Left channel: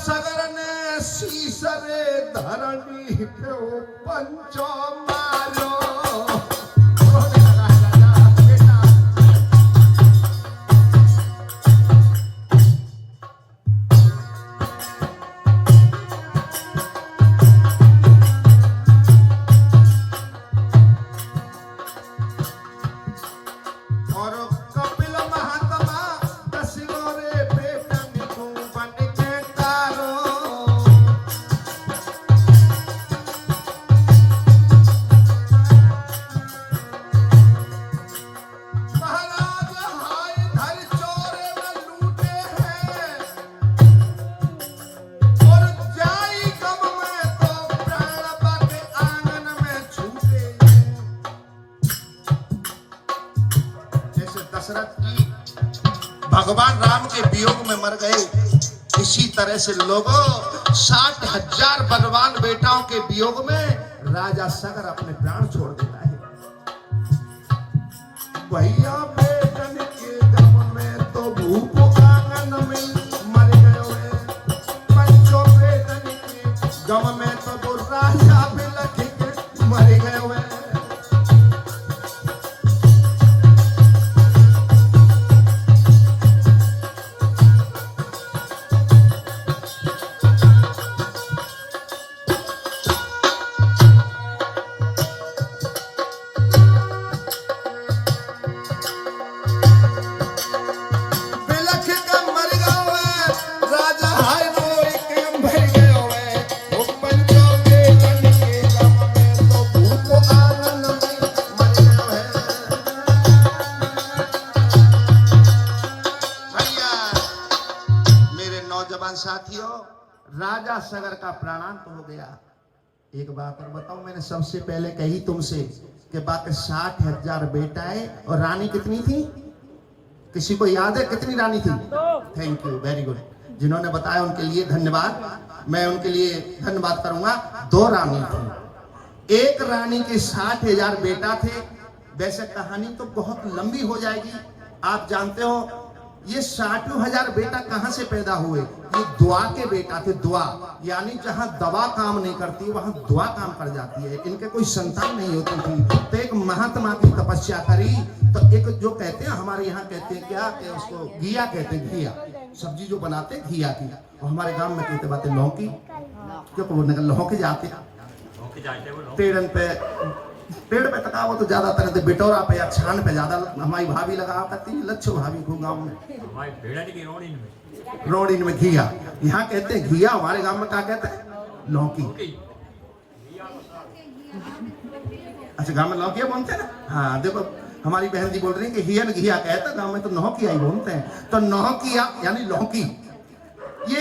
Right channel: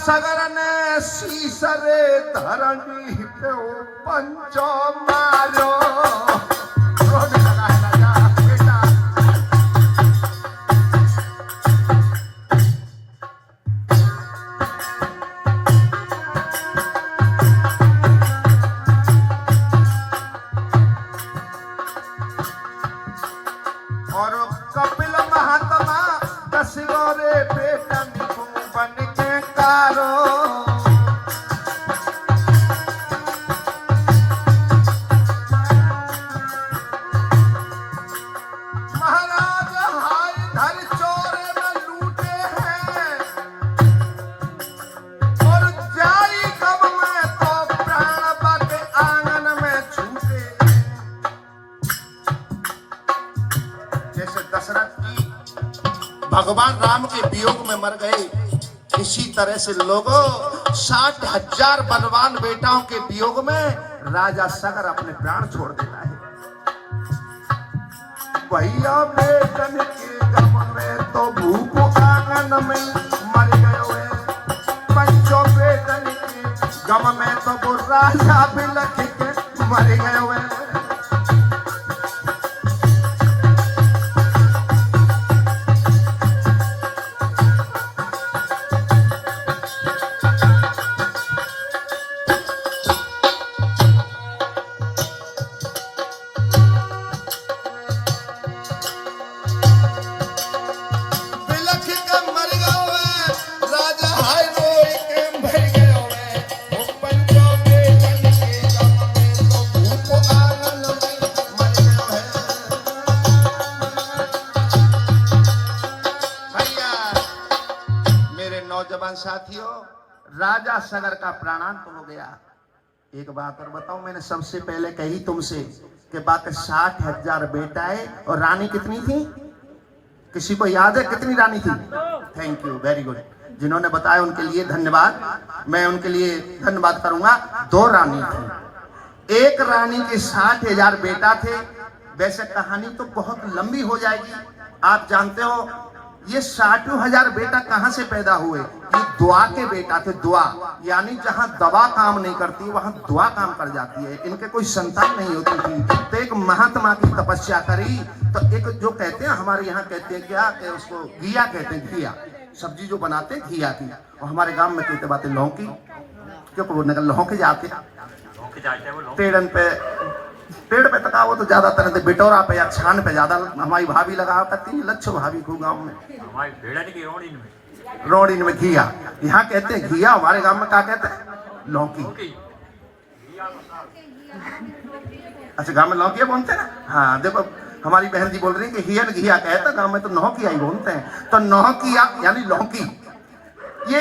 सगर ने सीसरे धरणी पे पंचो मारो। भगवान राम के वियोग में मर गए, इसी तरह से लोगों 60,000 बलवान बेटाओं के वियोग में राजा सगर अपने प्राण छोड़ देता है। भैया बेटन के गम में तो भूख आंगन में मर गए, पंचों बेटन के गम में तो वो राजा बिलख के मर गए। साथियों, राजा सगर का प्राणांत हो गया। एक बात और बताऊं, मैंने सबसे पहले कही तुमसे कि बाकी 60,000 बेटाएं और रानी कितनी थी? किसी को याद है कितनी रानी थी? Thank you, very good. जिन्होंने बताया उनके लिए धन्यवाद। मैं उनके लिए धन्यवाद करूंगा। 2 रानी थी। एक रानी के 60,000 बेटा थे। वैसे कहानी तो बहुत लंबी हो जाएगी। आप जानते हो ये 60,000 बेटा कहां से पैदा हुए? ये दुआ के बेटा थे। दुआ यानी जहां दवा काम नहीं करती वहां दुआ काम कर जाती है। इनके कोई संतान नहीं होती थी। तो एक महात्मा की तपस्या करी। तो एक जो कहते हैं, हमारे यहाँ कहते हैं क्या कि उसको घिया कहते हैं, घिया सब्जी जो बनाते हैं घिया की। और हमारे गांव में कहते बातें लौकी, क्यों बोलने लौकी जाते पेड़ पे तका वो तो ज्यादातर बिटोरा पे या छान पे ज्यादा हमारी भाभी लगा करती है। लच्छो भाभी को गाँव में रोडिन में घिया, यहाँ कहते हैं घिया, हमारे गांव में क्या कहते हैं? लौकी। अच्छा, गांव में लौकी बोलते हैं। हाँ देखो, हमारी बहन जी बोल रही है कि हियर घिया कहता, गांव में तो नौकिया ही बोलते हैं। तो नौकिया यानी लौकी। ये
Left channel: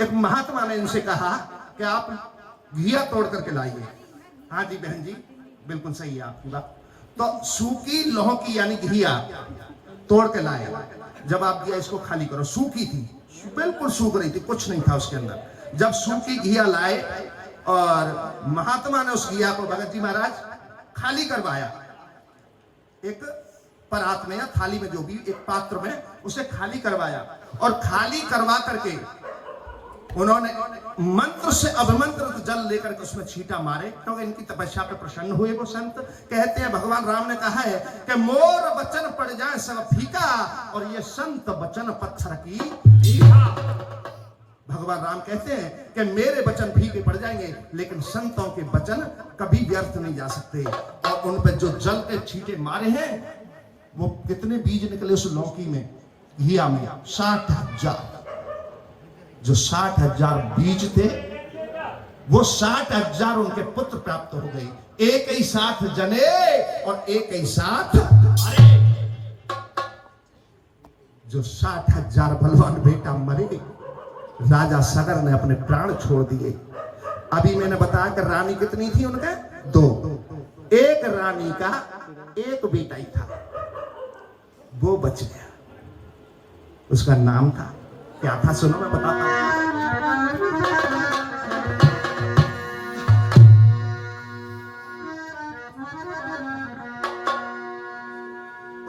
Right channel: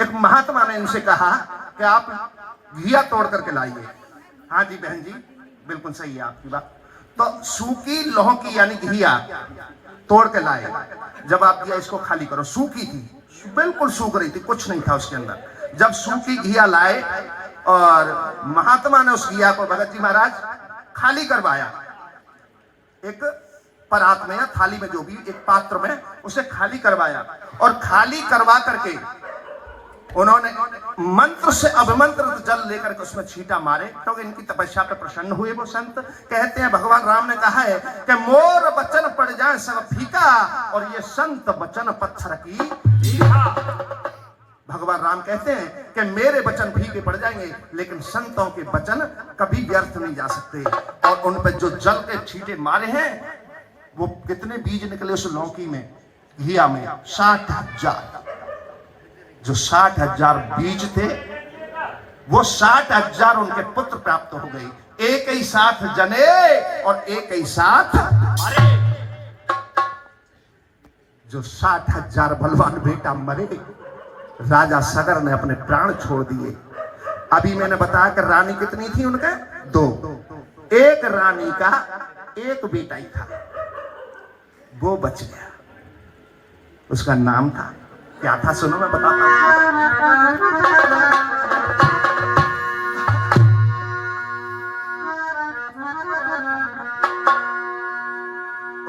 एक महात्मा ने इनसे कहा कि आप घिया तोड़ करके लाइए। हाँ जी बहन जी, बिल्कुल सही है आपकी बात। तो सूखी लौकी यानी घिया तोड़ के लाए। जब आप घिया इसको खाली करो, सूखी थी, बिल्कुल सूख रही थी, कुछ नहीं था उसके अंदर। जब सूखी घिया लाए और महात्मा ने उस घिया को भगत जी महाराज खाली करवाया, एक परात में या थाली में, जो भी एक पात्र में, उसे खाली करवाया। और खाली करवा करके उन्होंने मंत्र से अभिमंत्रित जल लेकर के उसमें छींटा मारे, क्योंकि इनकी तपस्या पे प्रसन्न हुए वो संत। कहते हैं भगवान राम ने कहा है कि मोर वचन पड़ जाए सब फीका, और ये संत वचन पत्थर की मीठा। भगवान राम कहते हैं कि मेरे वचन फीके पड़ जाएंगे, लेकिन संतों के वचन कभी व्यर्थ नहीं जा सकते। और उन पर जो जल के छींटे मारे हैं, वो कितने बीज निकले उस लौकी में, घिया में? 60,000। जो 60,000 बीज थे, वो 60,000 उनके पुत्र प्राप्त हो गए। एक ही साथ जने और एक ही साथ मरे। जो 60,000 बलवान बेटा मरे, राजा सगर ने अपने प्राण छोड़ दिए। अभी मैंने बताया कि रानी कितनी थी उनके? 2। एक रानी का एक बेटा ही था, वो बच गया। उसका नाम था, क्या था सुनो मैं बताता हूं।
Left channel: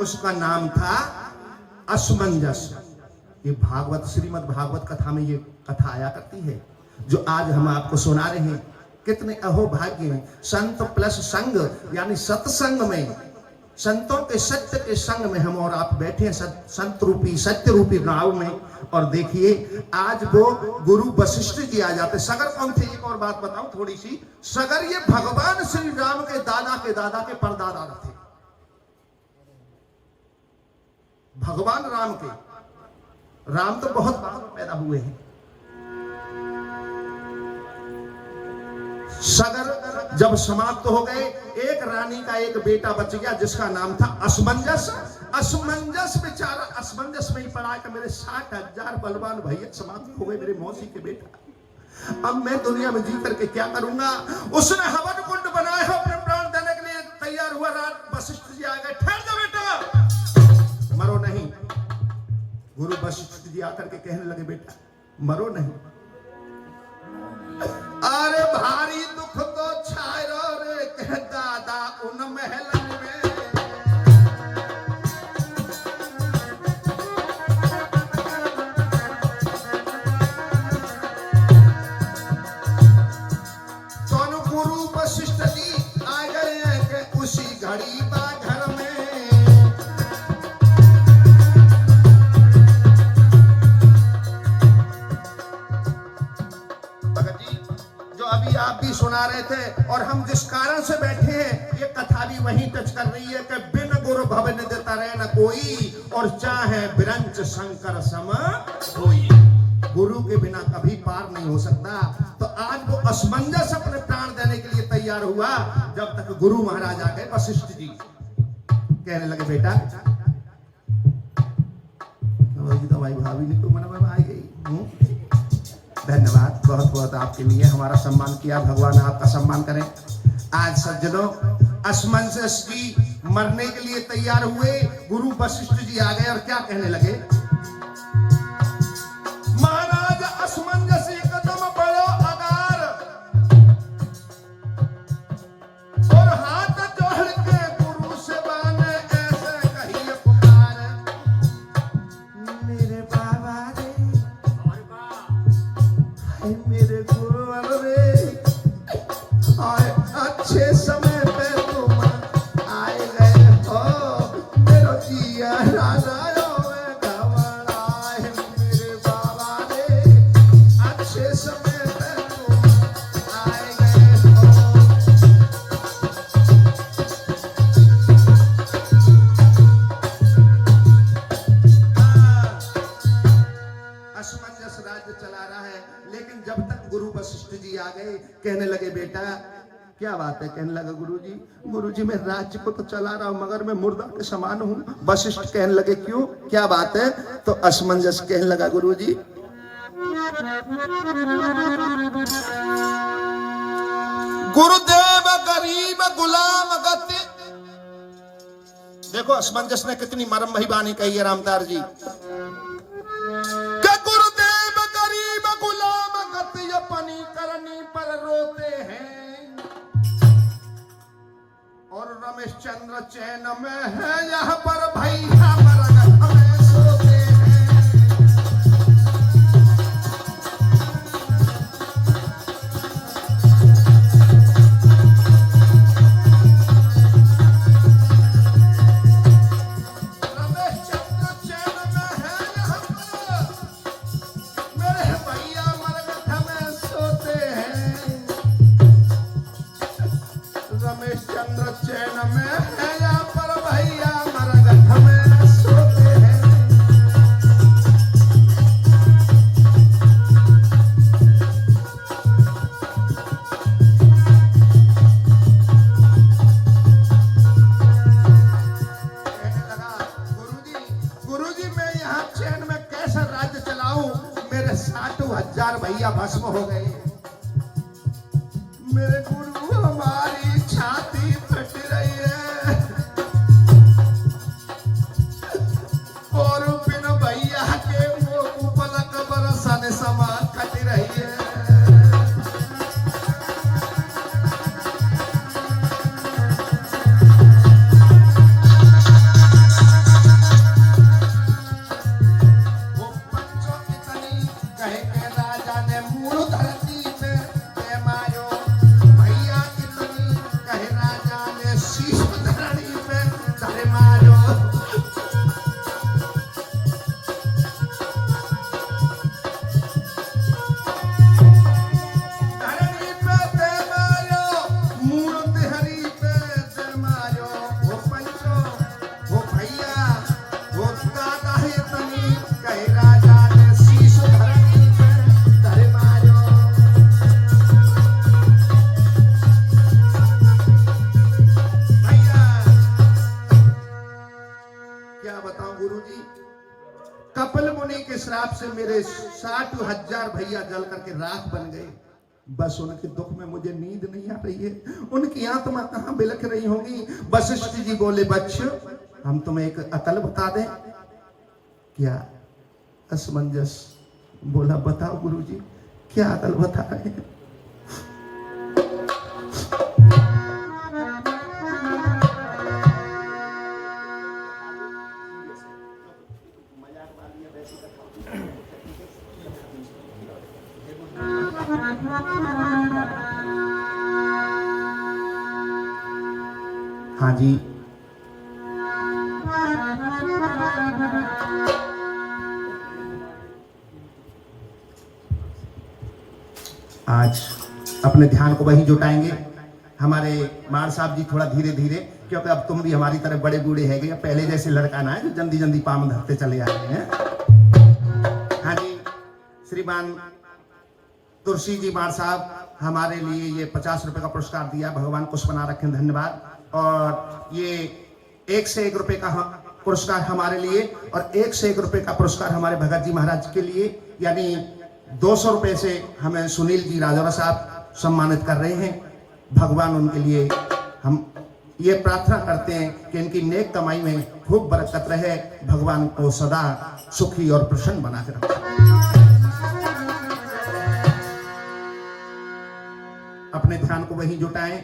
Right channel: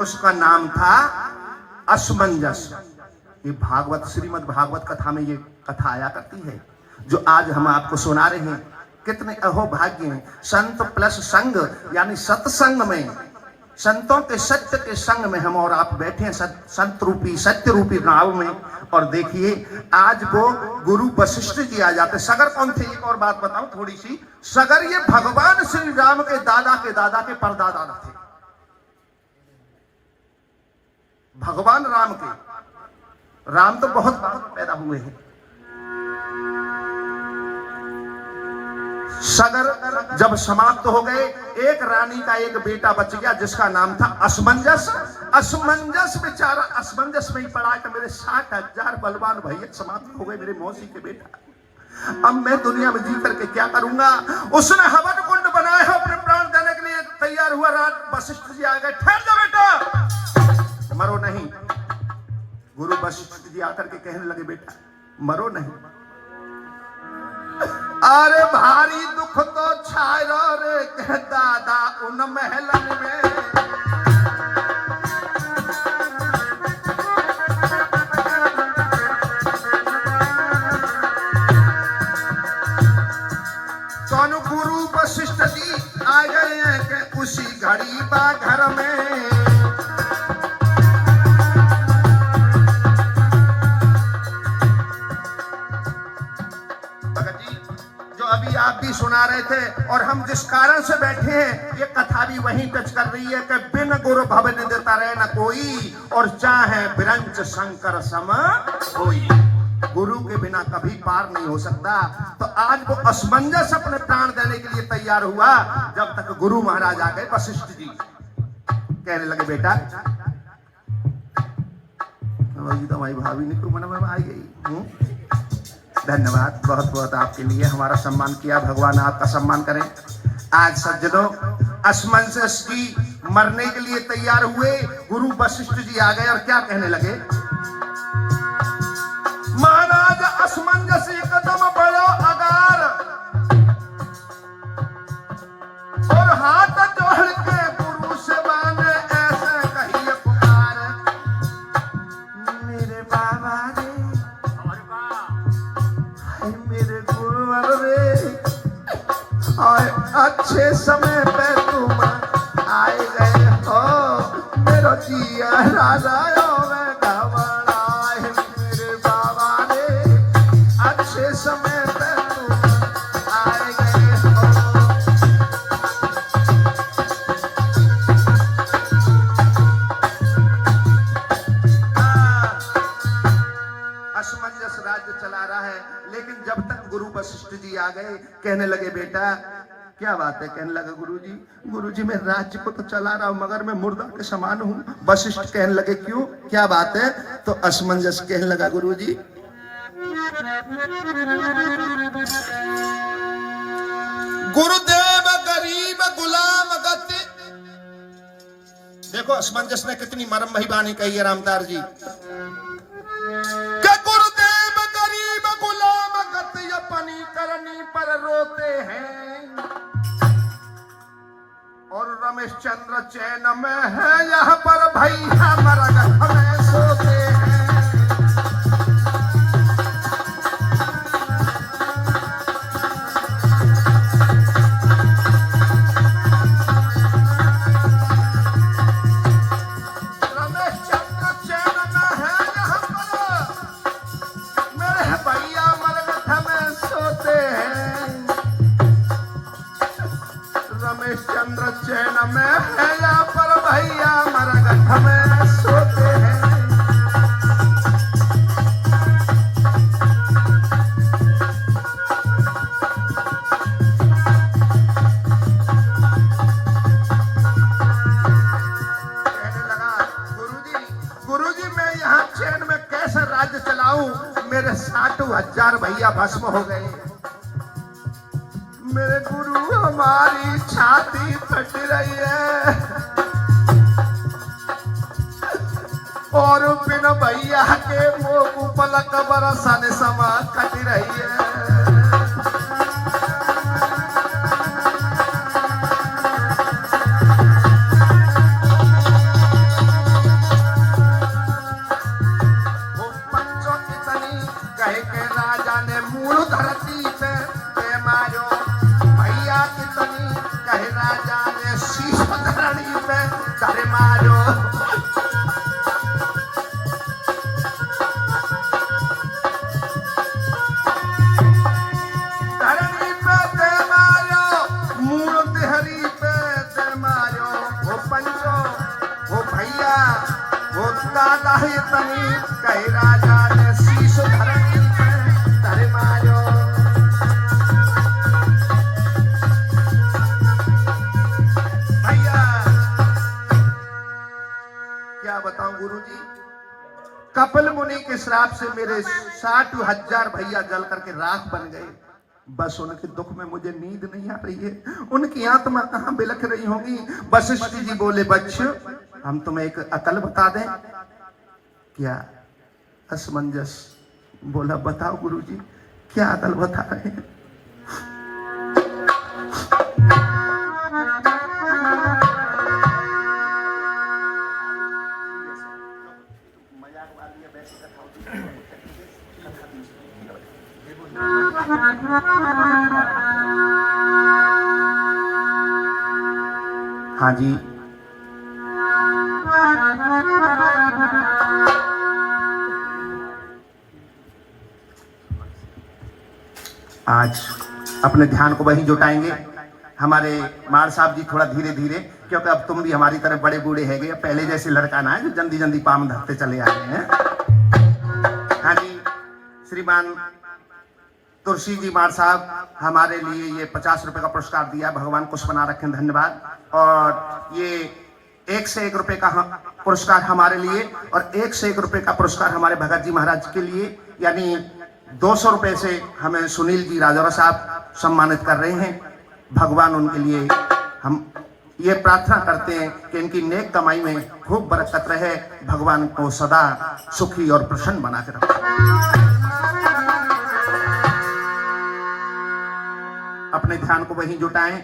उसका नाम था असमंजस। ये भागवत, श्रीमद् भागवत कथा में ये कथा आया करती है जो आज हम आपको सुना रहे हैं। कितने अहो भाग्य हैं, संत प्लस संग, यानी सत्संग में, संतों के सत्य के संग में हम और आप बैठे हैं, संत रूपी सत्य रूपी नाव में। और देखिए आज वो गुरु वशिष्ठ जी आ जाते। सगर कौन थे, एक और बात बताऊं थोड़ी सी। सगर ये भगवान श्री राम के दादा के परदादा थे। भगवान राम के, राम तो बहुत बाद में पैदा हुए हैं। सगर जब समाप्त हो गए, एक रानी का एक बेटा बच गया जिसका नाम था असमंजस। असमंजस बेचारा असमंजस में ही पड़ा कि मेरे 60,000 बलवान भैया समाप्त हो गए, मेरे मौसी के बेटा। अब मैं दुनिया में जी करके क्या करूंगा। उसने हवन कुंड बनाया है, अपने प्राण देने के लिए तैयार हुआ। रात वशिष्ठ जी आ गए, ठहर जा बेटा, मरो नहीं। गुरु वशिष्ठ जी आकर के कहने लगे, बेटा मरो नहीं। अरे भारी दुख तो छायो रे कह दादा उन महलन में। तो गुरु वशिष्ठ जी आ गए कि उसी घड़ी बा घर में। आप भी सुना रहे थे और हम जिस कारण से बैठे हैं, ये कथा भी वहीं टच कर रही है कि बिन गुरु भवन देता रहे न कोई, और चाहे बिरंच शंकर सम होई। गुरु के बिना कभी पार नहीं हो सकता। तो आज वो असमंजस अपने प्राण देने के लिए तैयार हुआ, जब तक गुरु महाराज आ गए वशिष्ठ जी। कहने लगे, बेटा तो भाई भाभी ने तो मन में आ गई। धन्यवाद, बहुत बहुत आपके लिए हमारा सम्मान किया, भगवान आपका सम्मान करें। आज सज्जनों असमंजस की मरने के लिए तैयार हुए, गुरु वशिष्ठ जी आ गए और क्या कहने लगे। महाराज असमंजस कदम बढ़ो अगार, और हाथ जोड़ के गुरु से बाने ऐसे कहिए पुकार। मेरे बाबा रे, मेरे गुरु रे, अच्छे समय पे तुम आए गए हो। मेरा जिया राजा मेरे बाबा रे, अच्छे समय पे तुम आए गए हो। असमंजस राज्य चला रहा है, लेकिन जब तक गुरु वशिष्ठ जी आ गए, कहने लगे, बेटा क्या बात है। कहने लगा, गुरुजी मैं राज्य को तो चला रहा हूं, मगर मैं मुर्दा के समान हूं। वशिष्ठ कहने लगे, क्यों, क्या बात है। तो असमंजस कहने लगा, गुरुजी गुरुदेव गरीब गुलाम गति। देखो असमंजस ने कितनी मरम भई बानी कही है रामदार जी। गुरुदेव गरीब गुलाम गति अपनी करनी पर रोते हैं, और रमेश चंद्र चैन में है यहाँ पर भैया मरगट में सोते हैं। रमेश चंद्र चैन में है यहाँ पर मेरे भैया मरगट में सोते हैं। रमेश चंद्र चैन में है यहाँ पर भैया मरगट में सोते हैं। कहने लगा, गुरुजी मैं यहाँ चैन में कैसे राज्य चलाऊं, मेरे 60,000 भैया भस्म हो गए। मेरे गुरु हमारी छाती फट रही है, और बिन भैया के वो पलक बरसन समा कट रही है। वो मुनि के श्राप से मेरे 60,000 भैया जल करके राख बन गए। बस उनके दुख में मुझे नींद नहीं आ रही है, उनकी आत्मा कहां बिलख रही होगी। वशिष्ठ जी बोले, बच्चों हम तुम्हें एक अकल बता दें। क्या असमंजस? बोला, बताओ गुरुजी, क्या अकल बता रहे हैं? हाँ जी, आज अपने ध्यान को वही जुटाएंगे। हमारे मार साहब जी थोड़ा धीरे धीरे, क्योंकि अब तुम भी हमारी तरह बड़े बूढ़े हैगे, पहले जैसे लड़का ना है जो जल्दी जल्दी पाम धरते चले आ रहे हैं। हाँ जी, श्रीमान तुलसी जी मार साहब हमारे लिए ये 50 रुपए का पुरस्कार दिया, भगवान कुछ बना रखें, धन्यवाद। और ये 1 से 1 रुपए का पुरस्कार हमारे लिए और 1 से 1 रुपए का पुरस्कार हमारे भगत जी महाराज के लिए, यानी 200 रुपए से हमें सुनील जी राजौरा साहब सम्मानित कर रहे हैं। भगवान उनके लिए, हम ये प्रार्थना करते हैं कि इनकी नेक कमाई में खूब बरकत रहे, भगवान को सदा सुखी और प्रसन्न बना के रखें। अपने ध्यान को वहीं जुटाएं।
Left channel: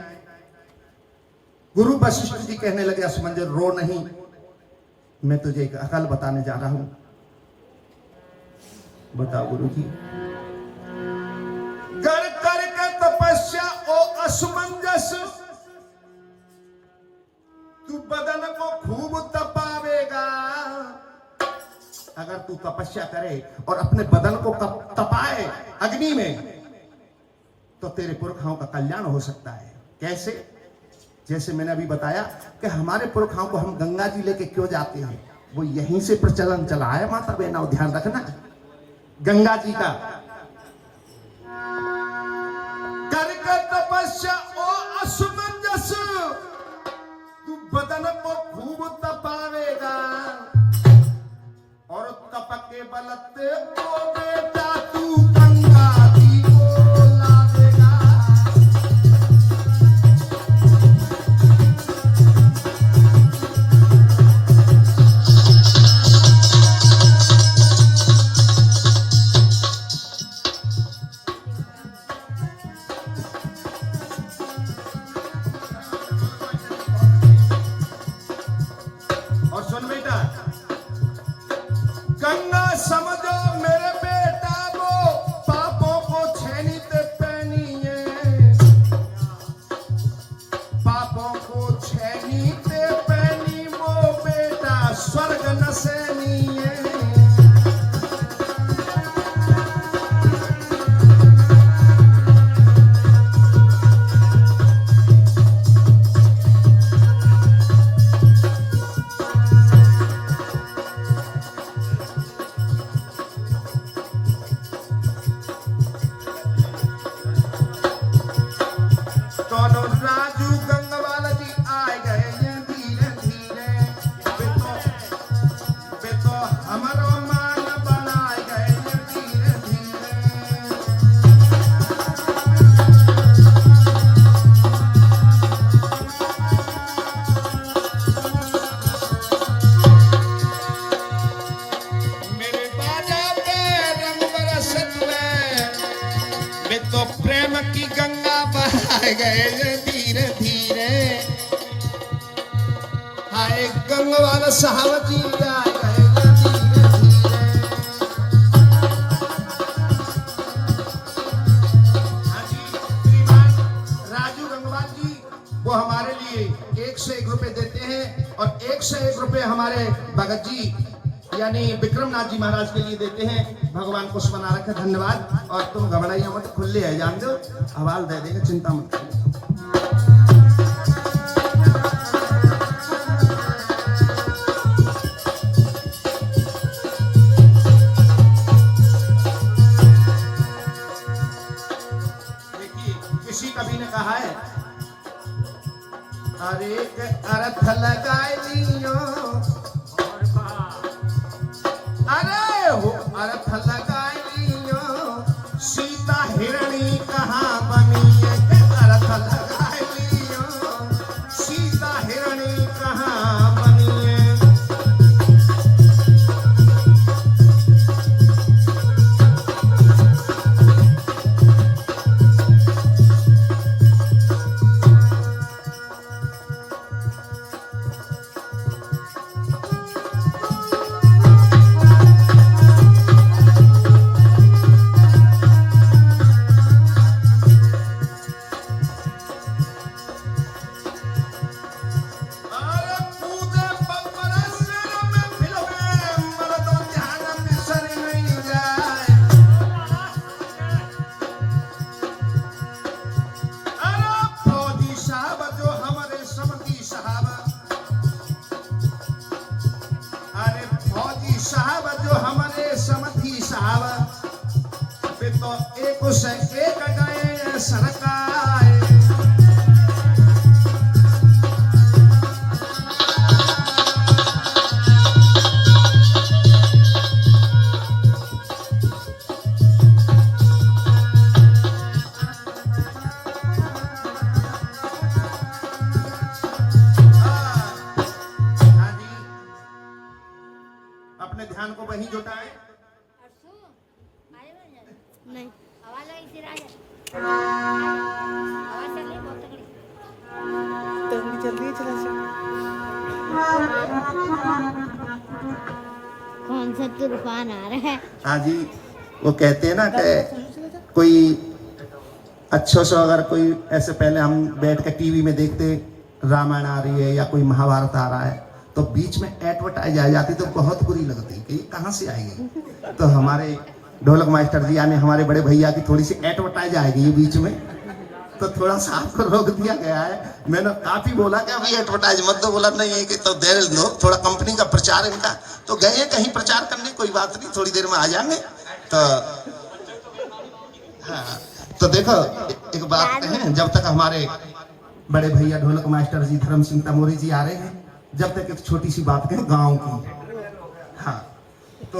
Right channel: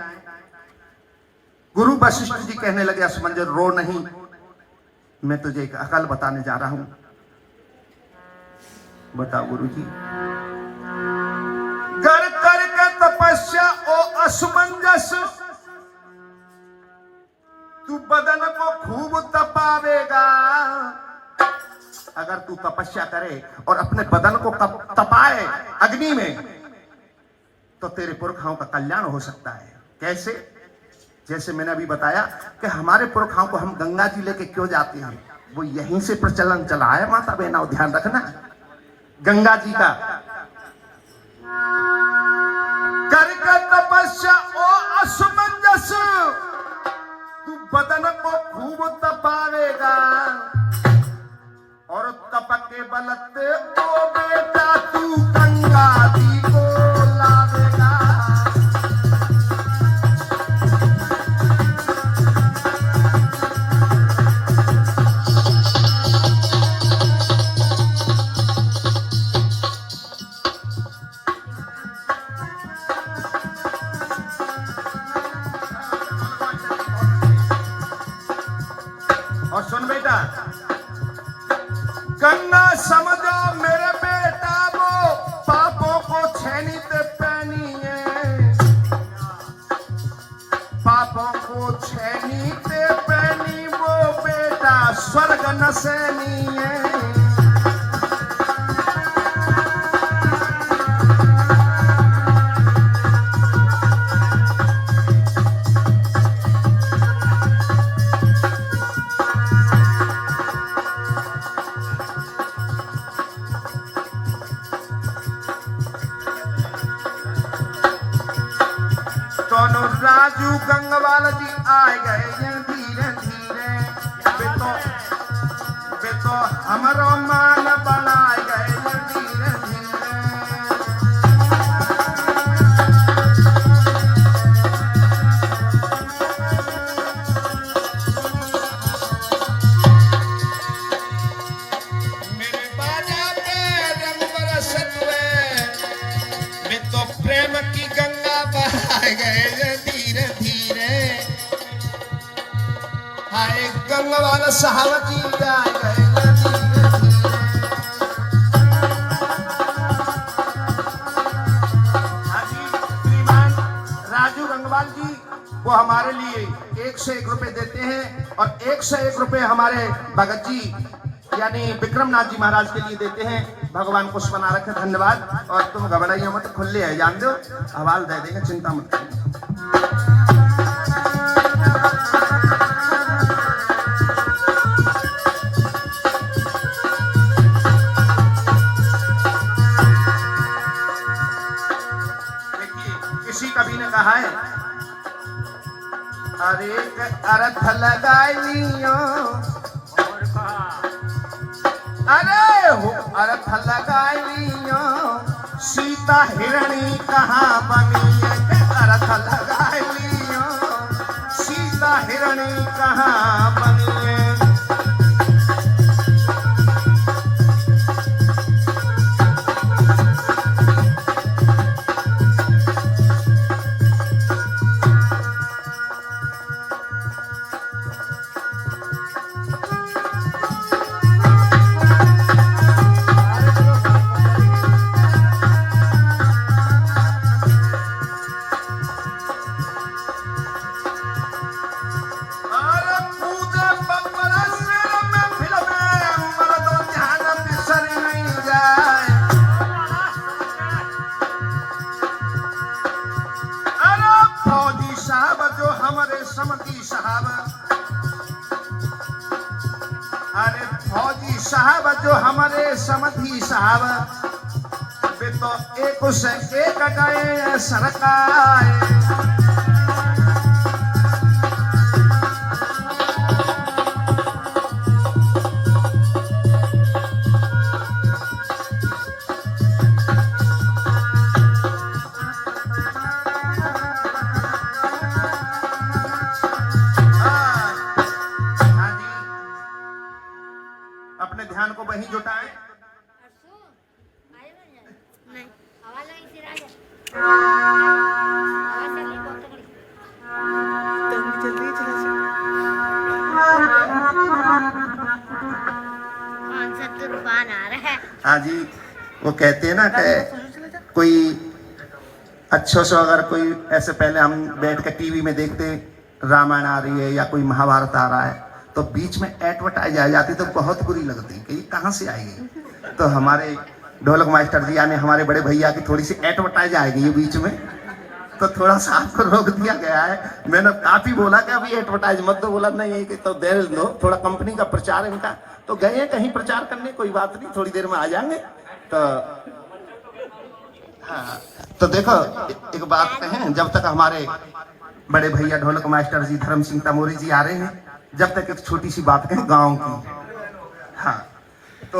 गुरु वशिष्ठ जी कहने लगे, असमंजस रो नहीं, मैं तुझे एक अकल बताने जा रहा हूं। बताओ गुरु जी। कर कर के तपस्या ओ असमंजस, तू बदन को खूब तपावेगा। अगर तू तपस्या करे और अपने बदन को तपाए अग्नि में, तो तेरे पुरखाओं का कल्याण हो सकता है। कैसे? जैसे मैंने अभी बताया कि हमारे पुरखाओं को हम गंगा जी लेके क्यों जाते हैं, वो यहीं से प्रचलन चला है माता बहना, ध्यान रखना। गंगा जी का करके तपस्या ओ असमंजस, तू बदन को खूब तपावेगा और तप के बलते ओ बेटा तू गंगा जी को लावेगा। और सुन बेटा, गंगा समझो मेरे बेटा वो पापों को छेनीत पहनिए, पापों को छेनीत पहनी वो बेटा स्वर्ग न सेनिए। राजू गंगवाल जी आए गए धीरे धीरे, वे तो हमरो मान बनाए गए धीरे धीरे। मेरे बाजा पे रंग बरसत वे तो प्रेम की गंगा बहाए गए धीरे धीरे। हाय गंगवाल साहब जी आए गए धीरे धीरे। हाँ जी, श्रीमान राजू गंगवाल जी वो हमारे लिए 1 से 1 रुपए देते हैं और 1 से 1 रुपए हमारे भगत जी यानी विक्रमनाथ जी महाराज के लिए देते हैं। भगवान कुछ बना रखे, धन्यवाद। और तुम घबराइए मत, खुले है जान दो, हवाल दे देगा, चिंता मत करो। देखिए किसी कवि ने कहा है, अरे अर्थ लगा लियो, अरे कुछ एक गए सरकाए। अपने ध्यान को वहीं जुटाएं। नहीं आवाज आई थी राजा आवाज चली बहुत तगड़ी तो जल्दी चला जा। कौन सा तूफान आ रहा है। हाँ जी, वो कहते हैं ना कि कोई अच्छो से अगर कोई ऐसे पहले हम बैठ के टीवी में देखते रामायण आ रही है या कोई महाभारत आ रहा है तो बीच में एडवर्टाइज आ जाती तो बहुत बुरी लगती कि कहाँ से आएगी। तो हमारे ढोलक मास्टर जी यानी हमारे बड़े भैया की थोड़ी सी एडवर्टाइज आएगी ये बीच में, तो थोड़ा सा आपको रोक दिया गया है। मैंने काफी बोला कि अभी एडवर्टाइज मत दो, बोला नहीं कि तो देर दो, थोड़ा कंपनी का प्रचार इनका, तो गए कहीं प्रचार करने, कोई बात नहीं थोड़ी देर में आ जाएंगे। तो हाँ, तो देखो एक बात कहें, जब तक हमारे बड़े भैया ढोलक मास्टर जी धर्म सिंह तमोरी जी आ रहे हैं, जब तक एक छोटी सी बात कहें गांव की। हाँ, तो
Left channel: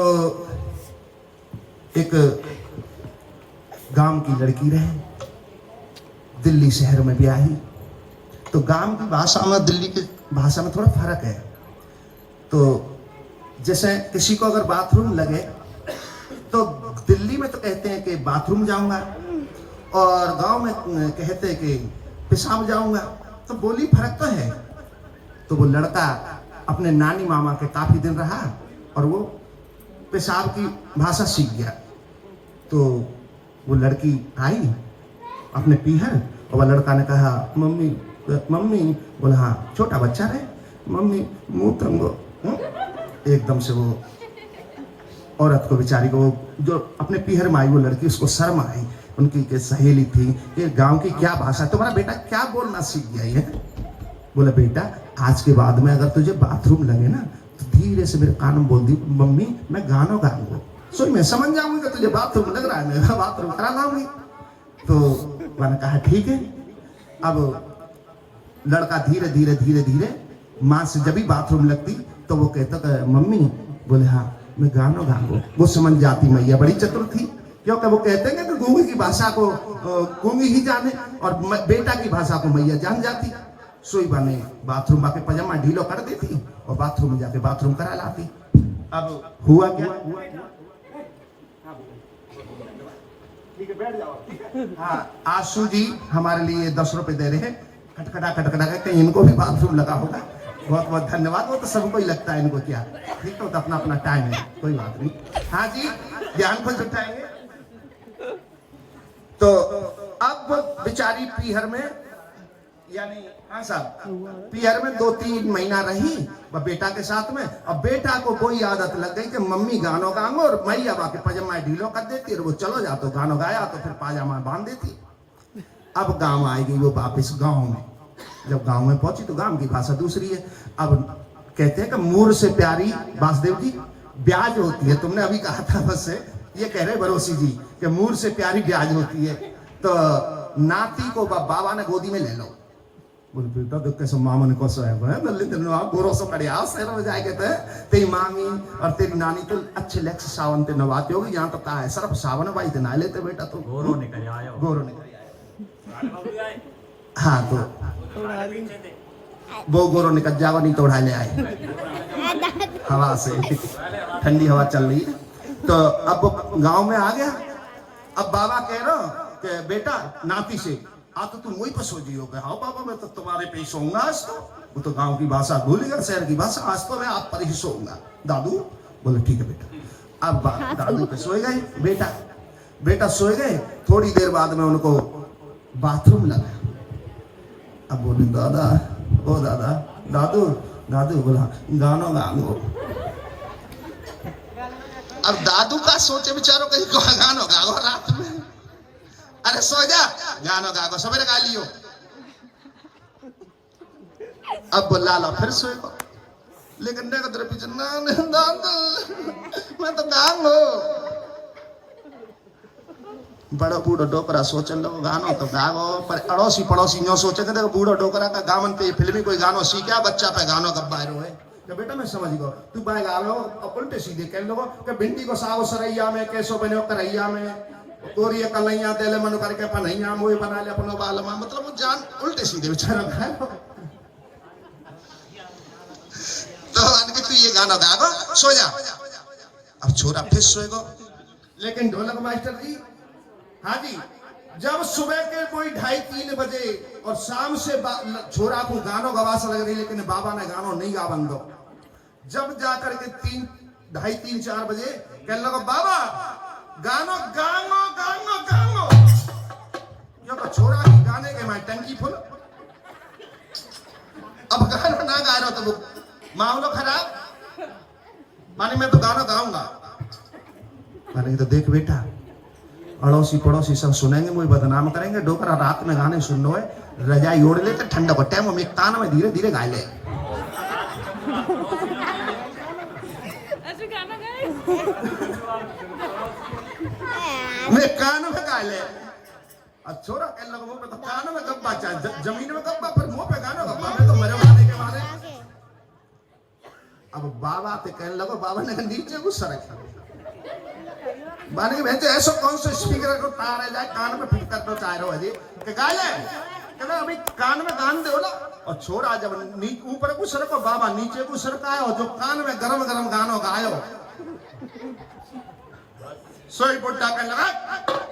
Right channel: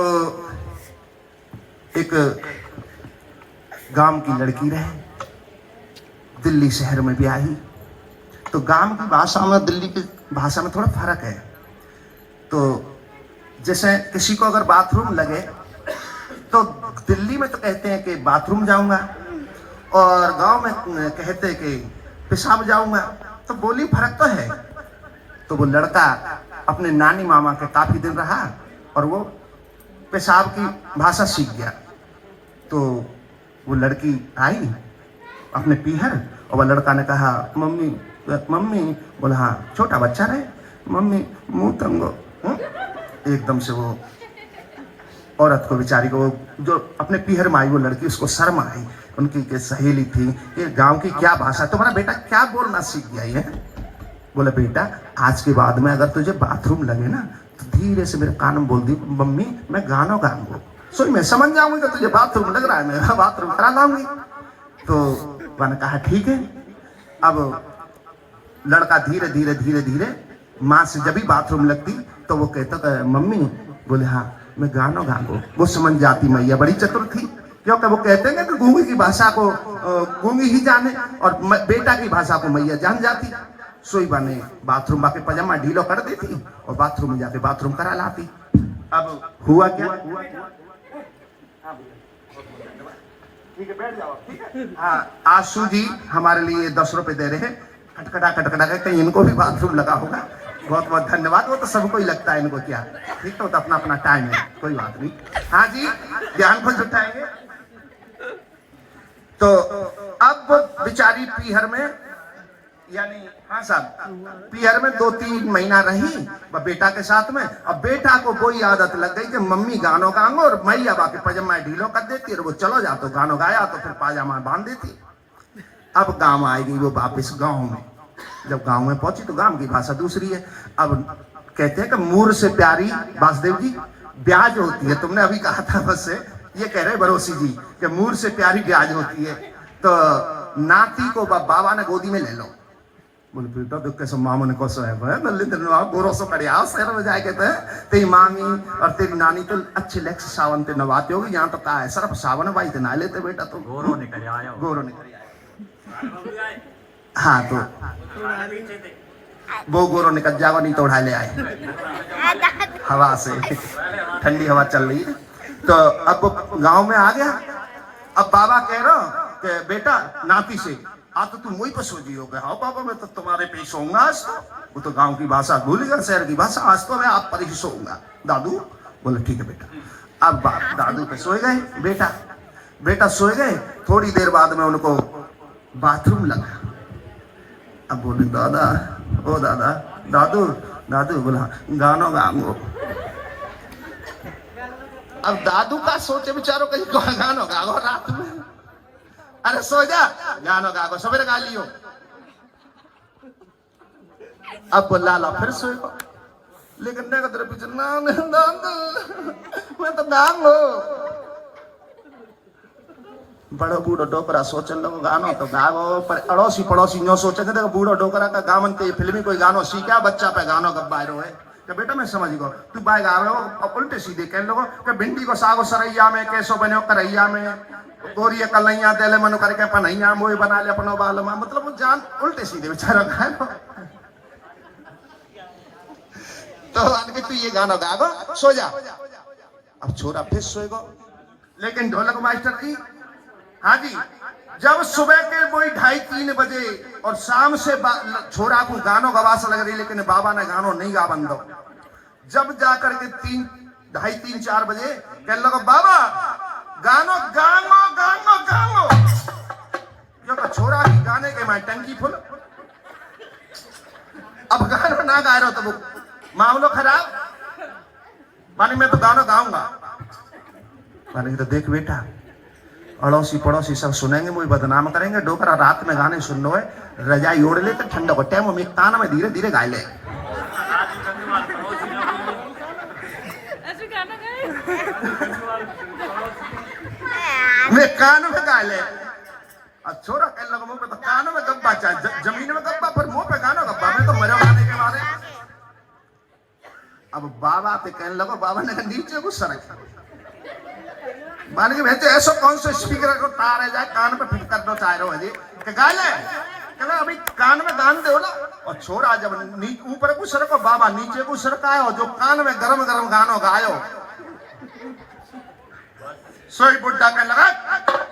एक गांव की लड़की रहे, दिल्ली शहर में ब्याही। तो गांव की भाषा में दिल्ली की भाषा में थोड़ा फर्क है। तो जैसे किसी को अगर बाथरूम लगे तो दिल्ली में तो कहते हैं कि बाथरूम जाऊंगा, और गांव में कहते हैं कि पेशाब जाऊंगा। तो बोली फर्क तो है। तो वो लड़का अपने नानी मामा के काफी दिन रहा और वो पेशाब की भाषा सीख गया। तो वो लड़की आई अपने पीहर, और वह लड़का ने कहा मम्मी मम्मी, बोला हाँ छोटा बच्चा रहे, मम्मी मुंह तंगो। एकदम से वो औरत को बेचारी को, वो जो अपने पीहर में आई वो लड़की, उसको शर्म आई। उनकी सहेली थी, ये गांव की क्या भाषा, तुम्हारा बेटा क्या बोलना सीख गया है। बोला बेटा आज के बाद में अगर तुझे बाथरूम लगे ना तो धीरे से मेरे कान में बोल दी मम्मी मैं गाना गाऊंगा, सो मैं समझ जाऊंगी तुझे बाथरूम लग रहा है, मैं बाथरूम करा लाऊंगी। तो मैंने कहा ठीक है। अब लड़का धीरे धीरे धीरे धीरे माँ से जब भी बाथरूम लगती तो वो कहता मम्मी, बोले हाँ मैं गाना गाऊंगा। वो समझ जाती, मैया बड़ी चतुर थी, क्योंकि वो कहते हैं कि गूंगी की भाषा को गूंगी ही जाने और बेटा की भाषा को मैया जान जाती। सोई बने बाथरूम बाके पजामा ढीलो कर देती और बाथरूम में जाके बाथरूम करा लाती। अब हुआ क्या, ठीक है बैठ जाओ। हाँ, आशु जी हमारे लिए 10 रुपए दे रहे हैं, खटखटा खटखटा के कहीं इनको भी बाथरूम लगा होगा, बहुत बहुत धन्यवाद। वो तो सबको ही लगता है इनको क्या, ठीक है, तो अपना अपना टाइम है, कोई बात नहीं। हाँ जी, ध्यान को जुटाएंगे। तो अब बेचारी पीहर में, यानी हाँ साहब पीहर में 2-3 महीना रही बेटा के साथ में। अब बेटा को कोई आदत लग गई कि मम्मी गानो गांगो और मैया बाकी पजामा ढीलो कर देती और वो चलो जा, तो गानो गाया तो फिर पाजामा बांध देती। अब गांव आएगी वो वापिस गांव में। जब गांव में पहुंची तो गांव की भाषा दूसरी है। अब कहते हैं कि मूर से प्यारी वासुदेव जी ब्याज होती है। तुमने अभी कहा था बस से, ये कह रहे बरोसी जी कि मूर से प्यारी ब्याज होती है। तो नाती को बाबा ने गोदी में ले लो। बोले बेटा तो कैसे मामा ने कैसे है गोरों से बढ़िया शहर में जाए कहते हैं तेरी मामी और तेरी नानी तो अच्छे लेक्स सावन ते नवाते होगी, यहाँ तो कहा है सिर्फ सावन भाई ते ना लेते बेटा, तो गोरो निकल आए। हाँ तो वो गोरो निकल जाओ नहीं तो उड़ा ले आए हवा से, ठंडी हवा चल रही है। तो अब गांव में आ गया। अब बाबा कह रहा कि बेटा नाती से आ तो तुम वही पर सो जी हो गए। हाँ बाबा मैं तो तुम्हारे पे ही सोऊंगा आज तो। वो तो गांव की भाषा भूल गया, शहर की भाषा, आज तो मैं आप पर ही सोऊंगा दादू। बोले ठीक है बेटा। अब दादू पे सोए गए, बेटा सोए गए। थोड़ी देर बाद में उनको बाथरूम लगा। अब बोले दादा ओ दादा दादू बोला गानो गाओ। अब दादू का सोचे बेचारों कहीं गानो गाओ रात में, अरे सो जा गानो गाओ सवेरे गा लियो। अब बोला ला फिर सोएगा, लेकिन तेरे पीछे मैं तो गाऊंगा। बड़ो बूढ़ो डोकरा सोचन लगो गानो तो गाओ, पर अड़ोसी पड़ोसी नो सोचेंगे देखो बूढ़ो डोकरा का गावन पे फिल्मी कोई गानो सीखा बच्चा पे गानो कब बाहर है। तो बेटा मैं समझ गो तू बाय गा रहे हो और उल्टे सीधे कह लो कि भिंडी को सागो सरैया में कैसो बने करैया में कोरिया कलैया तेले मनु करके पनैया मोई बना ले अपनो बाल में, मतलब वो जान उल्टे सीधे बेचारा गाए। तो आदमी तू ये गाना गागो सो जा। अब छोरा फिर सोएगो। लेकिन ढोलक मास्टर जी, हाँ जी, जब सुबह के कोई 2:30-3 बजे और शाम से छोरा को गानो गवास लग रही, लेकिन बाबा ने गानो नहीं गा बंदो। जब जाकर के 2:30-4 बजे कहने लगा बाबा गानो गानो गानो गानो, जो छोरा की गाने के मैं टंकी फुल। अब गानो ना गा रहा तो वो मामलो खराब। मानी मैं तो गाना गाऊंगा। मानी तो देख बेटा अड़ोसी पड़ोसी सब सुनेंगे, मुझे बदनाम करेंगे। डोकरा रात में गाने सुन लो है, रजाई ओढ़ लेते ठंडा को टाइम में कान में धीरे धीरे गा ले। ऐसे गाना गाए मैं कान में गा ले। अब छोरा कहने लगा मुंह पे तो कान में गब्बा चाहे जमीन में गब्बा, पर मुंह पे गाना गब्बा। मैं तो मरा गाने के मारे। अब बाबा पे कहने लगा, बाबा ने नीचे को सरक मान के भेजे ऐसा कौन सा स्पीकर को तार है जाए कान में फिट कर दो चाहे रहो जी के गा ले। कहना अभी कान में गान दे ना। और छोरा जब ऊपर को सरको बाबा नीचे को सरकायो, जो कान में गरम गरम गानो गायो। सोई बुड्ढा कहने लगा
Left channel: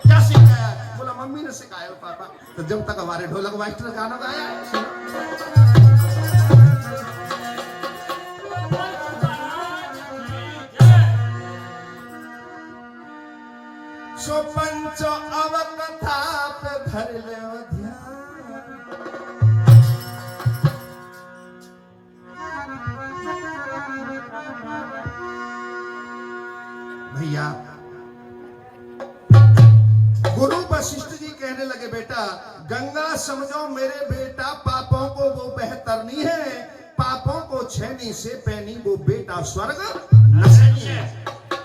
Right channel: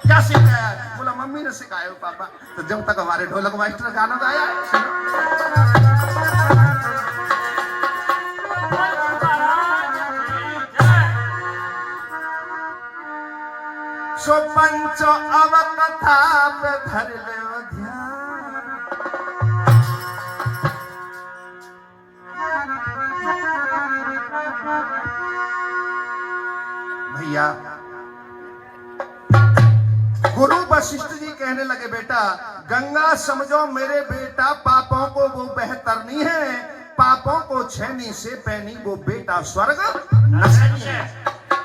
क्या सीख गया? बोला मम्मी ने सिखाया पापा। तो जब तक हमारे ढोलक मास्टर गाना गाया। सो पंचो अब कथा पे धर ले ध्यान। भैया गुरु वशिष्ठ जी कहने लगे बेटा गंगा समझो मेरे बेटा, पापों को वो बेहतर नहीं है, पापों को छेनी से पैनी वो बेटा स्वर्ग नसनी है।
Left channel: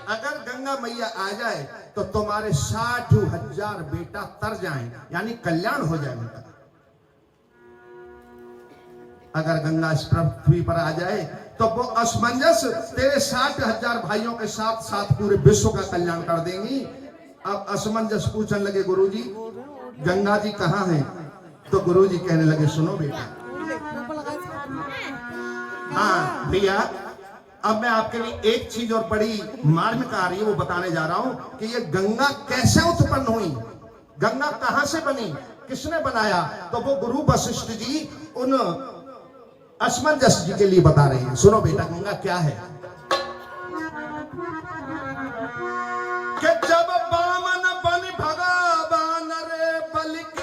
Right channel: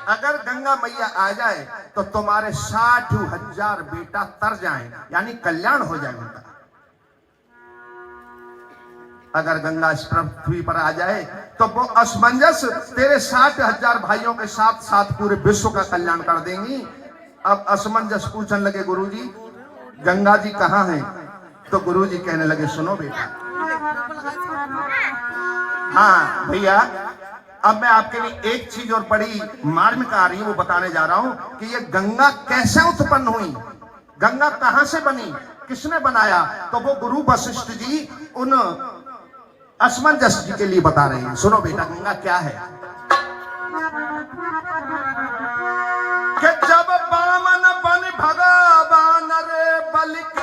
अगर गंगा मैया आ जाए तो तुम्हारे 60,000 बेटा तर जाएं, यानी कल्याण हो जाएगा। अगर गंगा इस पृथ्वी पर आ जाए तो वो असमंजस तेरे 60,000 भाइयों के साथ साथ पूरे विश्व का कल्याण कर देंगी। अब असमंजस पूछने लगे गुरुजी गंगा जी कहाँ हैं? तो गुरुजी कहने लगे सुनो बेटा, हाँ भैया अब मैं आपके लिए एक चीज और बड़ी मार्मिक आ रही है वो बताने जा रहा हूं कि ये गंगा कैसे उत्पन्न हुई, गंगा कहां से बनी, किसने बनाया। तो वो गुरु वशिष्ठ जी उन असमंजस जी के लिए बता रहे हैं। सुनो बेटा गंगा क्या है कि जब बामन बन भगवान रे बल के